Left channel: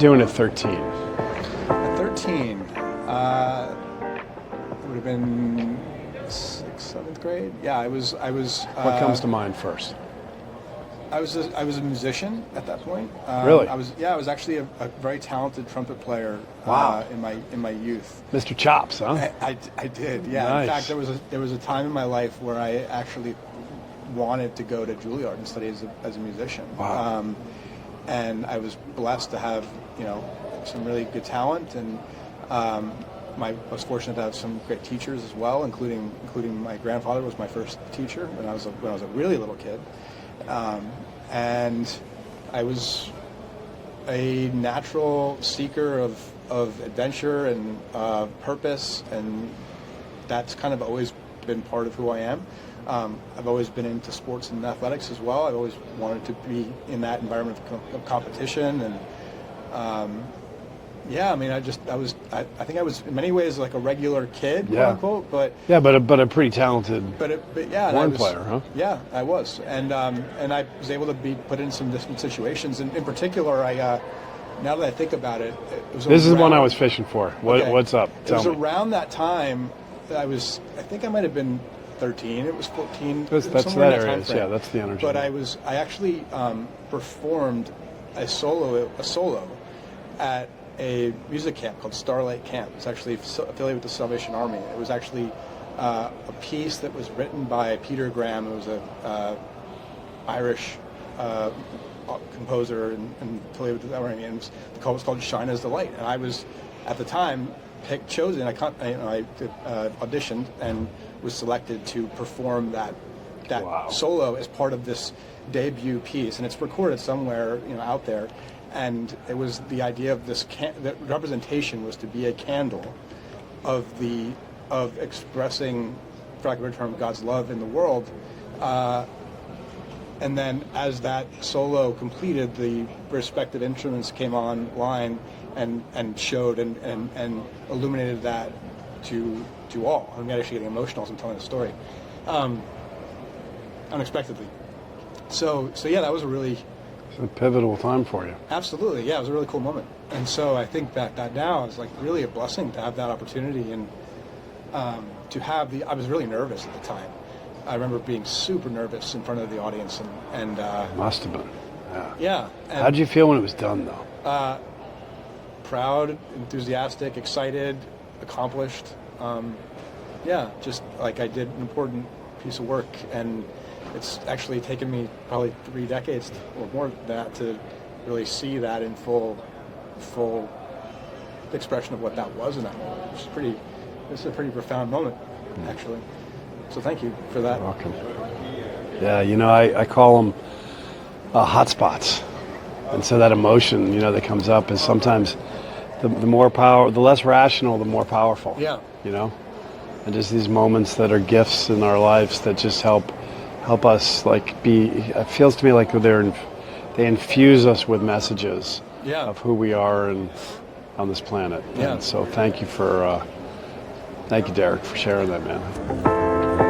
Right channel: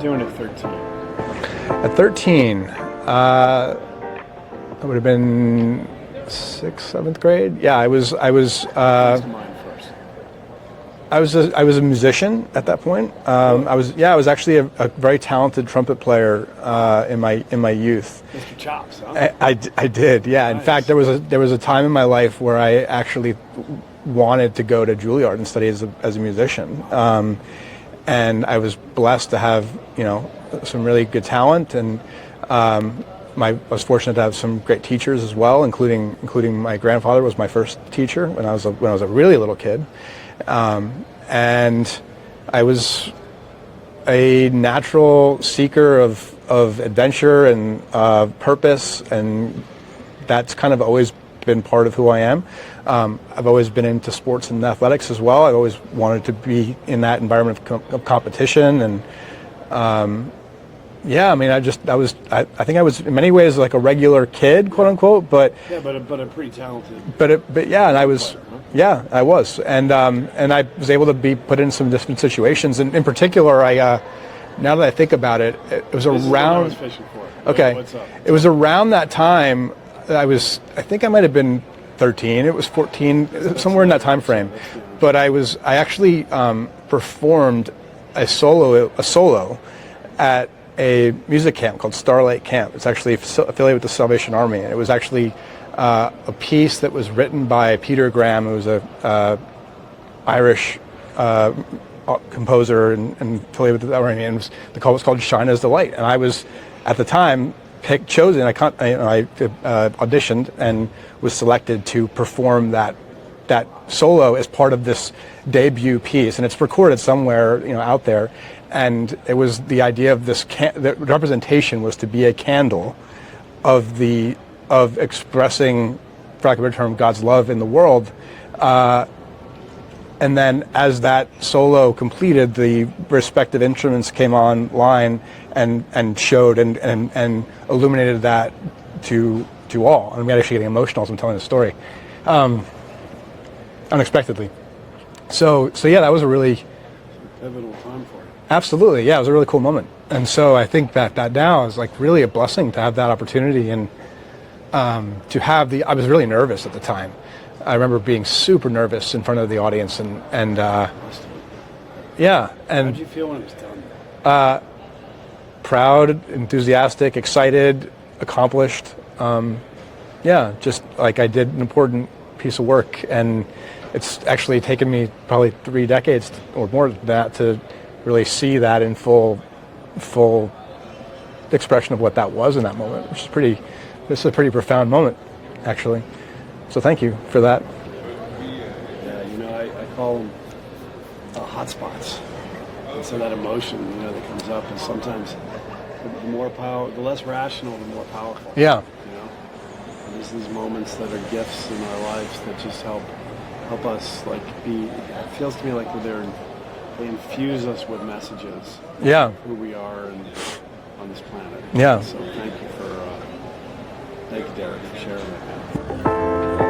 doing at 13? At 13, I would have been 6th, 7th grade. Yeah, I was. What comes to mind first? I was a musician at that point. Really? I was actually a very talented trumpet player in my youth. Mr. Chops, huh? I did, yeah. Nice. In fact, there was a time in my life where I actually wanted to go to Juilliard and study as a musician. Wow. And I was blessed to have some really good talent, and I was fortunate to have some great teachers as well, including my grandfather was my first teacher when I was a really little kid. And I was a natural seeker of adventure and purpose, and that's kind of always been part of who I am. I've always been into sports and athletics as well. I've always wanted to be in that environment of competition, and yeah, I mean, I think I was in many ways like a regular kid, quote unquote, but a pretty talented. But yeah, and I was player, huh? Yeah, I was, and I was able to be put in some different situations, and in particular, now that I think about it, it was around. This is the one I was fishing for. Okay, what's up? It was around that time that I think I might have been 13. It was 14, somewhere in that time frame. Yeah, that's the energy. But I actually performed a solo at a music camp called Starlight Camp. It's actually affiliated with the Salvation Army, and it was actually a piece that was written by Peter Graham, who was a Irish composer and affiliated with the Army, and the call was called "Shine as the Light." And I was, at the time, chosen. I auditioned and was selected to perform that solo as part of this debut piece, and it's recorded somewhere out there. And it was the idea of this the representation was to be a candle of expressing, for lack of a better term, God's love in the world. And then as that solo completed, the respective instruments came online and showed and illuminated that to all. I'm actually getting emotional as I'm telling the story, unexpectedly. So yeah, that was a pivotal time for you. Absolutely, yeah, it was a really cool moment. And so I think that now is like really a blessing to have that opportunity, and to have I was really nervous at the time. I remember being super nervous in front of the audience, and must have been. Yeah. And how'd you feel when it was done, though? Proud, enthusiastic, excited, accomplished. Yeah, just like I did an important piece of work, and it's actually taken me probably 3 decades or more than that to really see that in full expression of what that was in that moment, which is this is a pretty profound moment, actually. So thank you for that. Yeah, I call them hotspots. And so that emotion, that comes up is sometimes the less rational, the more powerful. Yeah. And just these moments that are gifts in our lives that just help us it feels to me like they infuse us with messages of who we are and on this planet. Yeah. And so thank you, Derek, for sharing that, man.